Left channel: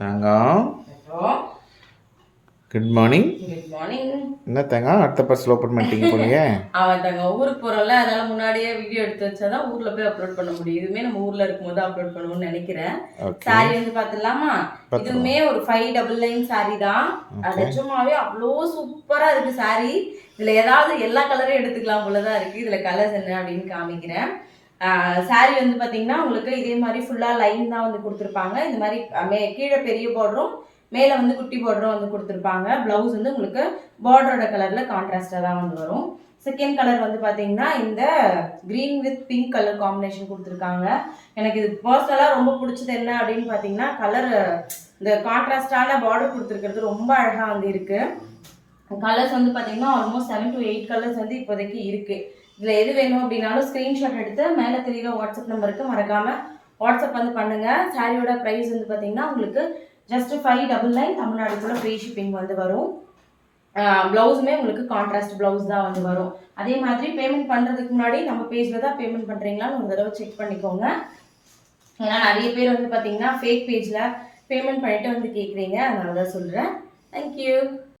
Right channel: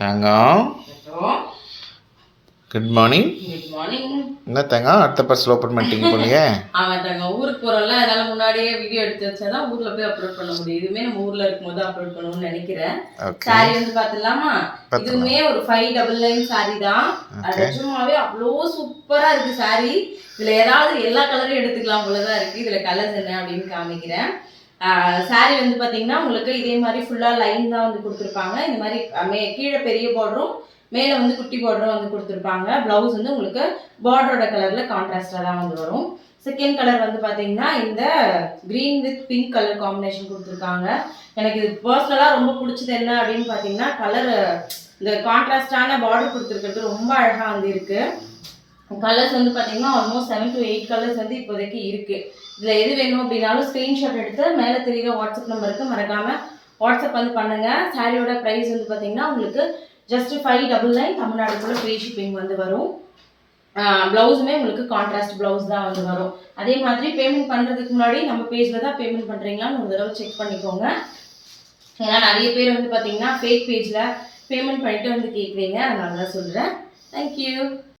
தங்கம் good morning. Good morning. என்ன தங்கம் அடுத்த parcel open பண்ணிட்டீங்க போலயே? அவன் தங்க ஊருக்கு போகிறோம்ல, அதனால் முன்னாடியே வீடியோ எடுத்து வச்சா தான் ஊரில் போய் அப்லோட் பண்ண முடியும். இதுவுமே நம்ம ஊரில் இருக்கும்போது அப்லோட் பண்ணணும்னு நினைக்கிறேன். சாரி வந்து பார்த்துடலாமா? இதுவுமே ஒரு 599 சாரி தான். அது சும்மாவே அவ்வளோ சூப்பராக இருக்குது சாரி. இதில் ஏதாவது எல்லா கலரையும் எடுத்துக்கலாம் போல தான் இருக்குது. இதில் கலர்ஸ் என்ன அப்படின்னு காமிக்கிறேன். சாரி வந்து பார்த்தீங்கன்னா உங்களுக்கு இதே மாதிரி ஃபுல்லாக லைன் தான் வந்து கொடுத்துருப்பாங்க. இந்த மாதிரி கீழே பெரிய பார்டரும் மேலே வந்து குட்டி பார்டரும் வந்து கொடுத்துருப்பாங்க. ப்ளவுஸ் வந்து உங்களுக்கு பார்டரோட கலரில் கான்ட்ராஸ்டாக தான் வந்து வரும். செகண்ட் கலர் வந்து பார்த்தீங்கன்னா இந்த green with pink colour combination கொடுத்துருக்காங்க. எனக்கு இது பர்சனலாக ரொம்ப பிடிச்சது என்ன அப்படின்னு பார்த்தீங்கன்னா கலர், இந்த கான்ட்ராஸ்டான பார்டர் கொடுத்துருக்கிறது ரொம்ப அழகாக வந்து இருக்குது. கலர்ஸ் வந்து பார்த்தீங்கன்னா ஆல்மோஸ்ட் 7 to 8 கலர்ஸ் வந்து இப்போதைக்கு இருக்குது. இதில் எது வேணும் அப்படின்னாலும் ஸ்க்ரீன்ஷாட் எடுத்து மேலே தெரியுற வாட்ஸ்அப் நம்பருக்கு மறக்காமல் வாட்ஸ்அப் வந்து பண்ணுங்கள். சாரியோட ப்ரைஸ் வந்து பார்த்தீங்கன்னா உங்களுக்கு ஜஸ்ட் 599 தமிழ்நாடுக்குள்ள ஃப்ரீ ஷிப்பிங் வந்து வரும். ப்ளவுஸுமே உங்களுக்கு கான்ட்ராஸ்ட் ப்ளவுஸ் தான் வந்து வரும். அதே மாதிரி பேமெண்ட் பண்ணுறதுக்கு முன்னாடி நம்ம பேஜில் தான் பேமெண்ட் பண்ணுறீங்களான்னு ஒரு தடவை செக் பண்ணிக்கோங்க. ஏன்னா நிறைய பேர் வந்து பார்த்தீங்கன்னா ஃபேக் பேஜில் பேமெண்ட் பண்ணிவிட்டு வந்து கேட்குறீங்க, அதனால தான் சொல்கிறேன். தேங்க்யூ.